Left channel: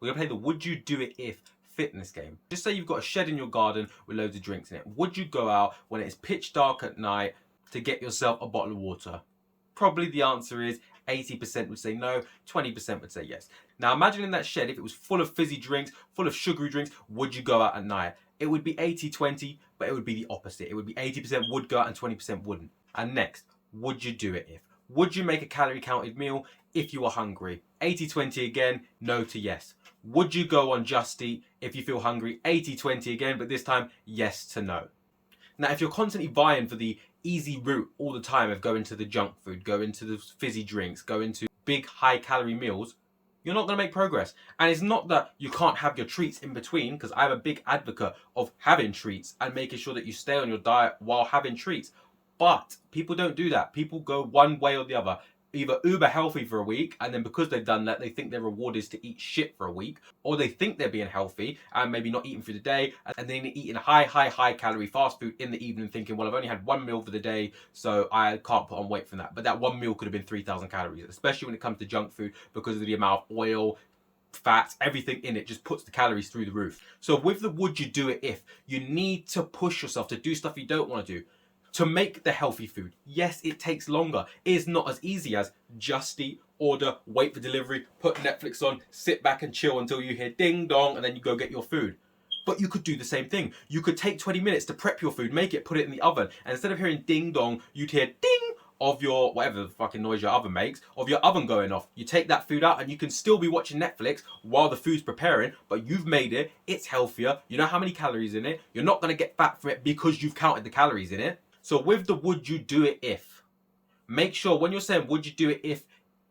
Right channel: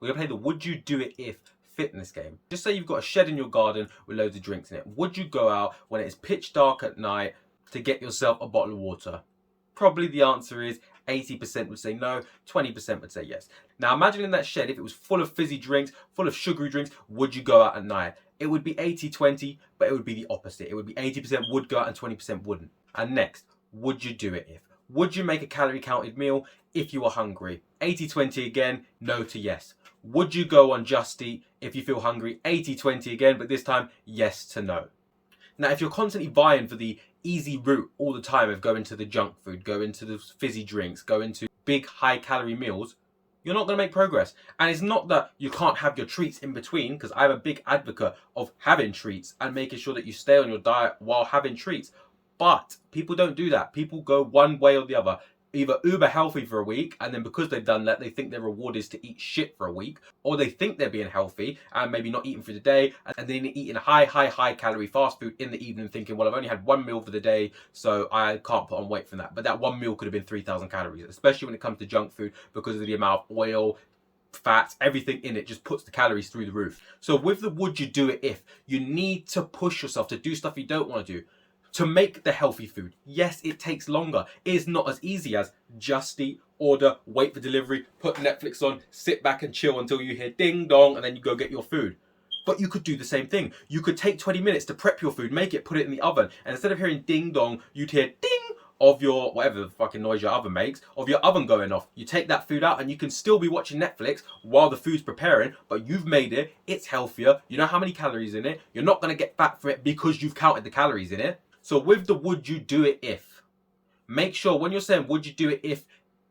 We're gonna play the would you do it if fitness game. Just say you've got a shed in your garden with loads of drinks in it. Would you go out when it's pitch dark at night to get yourself a bottle of water? Probably the answer is 80% would say no, 20% would say yes. Now imagine in that shed, if it was full of fizzy drinks, full of sugary drinks, would you go out at night? It would be 80-20, but it would be the opposite. It would be 80% would go out and 20% wouldn't. And next, would you do it if? Would you make a calorie counted meal if you were hungry? 80-20 again, no to yes. Would you go on Just Eat if you feel hungry? 80-20 again, but this time, yes to no. Now, if you're constantly vying for the easy route all the time of going to the junk food, going to the fizzy drinks, going to big high calorie meals, you're not going to make progress. And it's not that you can't have your treats in between, because I'm a big advocate of having treats and making sure that you stay on your diet while having treats. But people don't do that. People go one way or the other. Either uber healthy for a week, and then because they've done that, they think their reward is to eat shit for a week, or they think they're being healthy and maybe not eating through the day, and then eating high calorie fast food in the evening, thinking, well, I've only had one meal for the day, so I can't put on weight from that. But that one meal could have been 3,000 calories, especially when it comes to junk food, because of the amount of oil, fats, everything in it just puts the calories through the roof. So with the would you do it if, you need to push yourself to do stuff you don't want to do. To make the healthy food, yes, it takes longer. It is not as easy as just eat, order, wait for delivery, put Netflix on, sit back and chill until you hear ding dong, and then you go get your food. But you could do the same thing. You could take 20 minutes to prep your food, make it, put it in the oven, and instead of hearing ding dong, you'd hear ding of your, whatever the fucking noise your oven makes, of your oven going off. You take that food out and you can still be watching Netflix while the food's preparing, but you've made it, it's healthier, you know how many calories in it, you're not gonna get fat from it because you've counted the calories in it. So with the would you do it if, make sure when you're saying would you do it if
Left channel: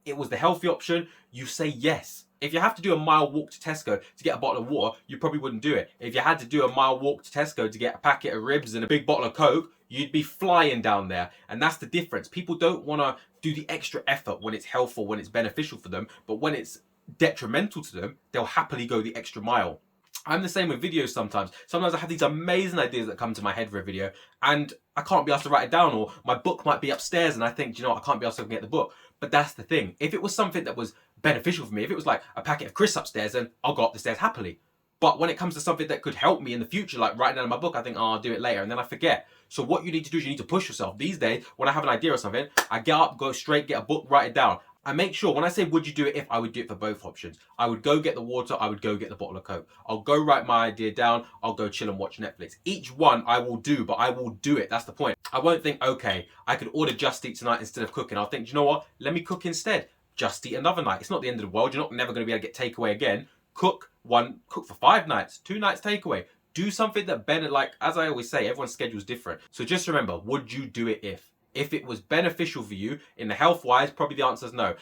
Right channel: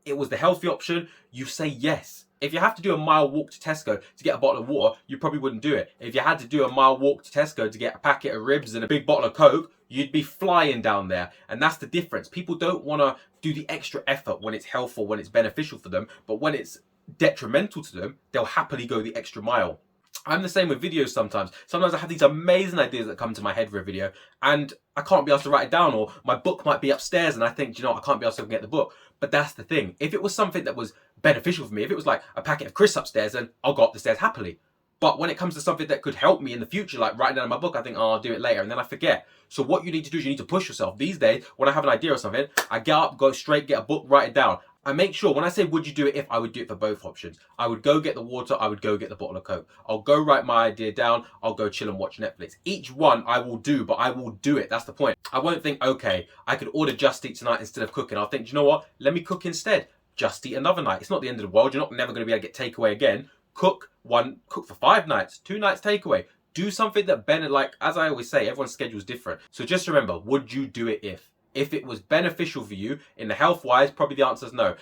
it was the healthy option, you say yes. If you have to do a mile walk to Tesco to get a bottle of water, you probably wouldn't do it. If you had to do a mile walk to Tesco to get a packet of ribs and a big bottle of Coke, you'd be flying down there. And that's the difference. People don't want to do the extra effort when it's helpful, when it's beneficial for them, but when it's detrimental to them, they'll happily go the extra mile. I'm the same with videos sometimes. Sometimes I have these amazing ideas that come to my head for a video and I can't be asked to write it down, or my book might be upstairs and I think, you know what, I can't be asked to get the book. But that's the thing. If it was something that was beneficial for me, if it was like a packet of crisps upstairs, then I'll go up the stairs happily. But when it comes to something that could help me in the future, like writing down my book, I think, oh, I'll do it later, and then I forget. So what you need to do is you need to push yourself. These days, when I have an idea or something, I get up, go straight, get a book, write it down. I make sure when I say would you do it if, I would do it for both options. I would go get the water, I would go get the bottle of Coke. I'll go write my idea down, I'll go chill and watch Netflix. Each one I will do, but I will do it. That's the point. I won't think, okay, I could order Just Eat tonight instead of cooking. I'll think, do you know what? Let me cook instead. Just Eat another night. It's not the end of the world. You're not never going to be able to get takeaway again. Cook for 5 nights, 2 nights takeaway. Do something that like, as I always say, everyone's schedule's different. So just remember, would you do it if? If it was beneficial for you in the health-wise, probably the answer is no.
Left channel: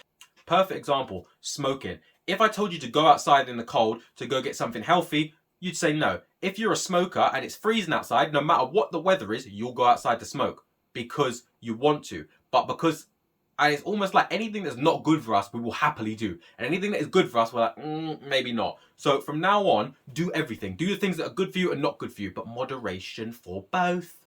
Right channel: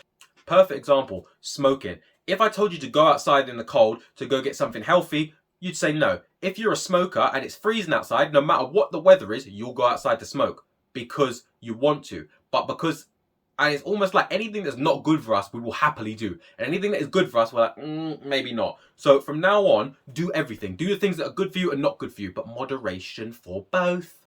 Perfect example, smoking. If I told you to go outside in the cold to go get something healthy, you'd say no. If you're a smoker and it's freezing outside, no matter what the weather is, you'll go outside to smoke because you want to. But because, and it's almost like anything that's not good for us, we will happily do. And anything that is good for us, we're like, maybe not. So from now on, do everything. Do the things that are good for you and not good for you, but moderation for both.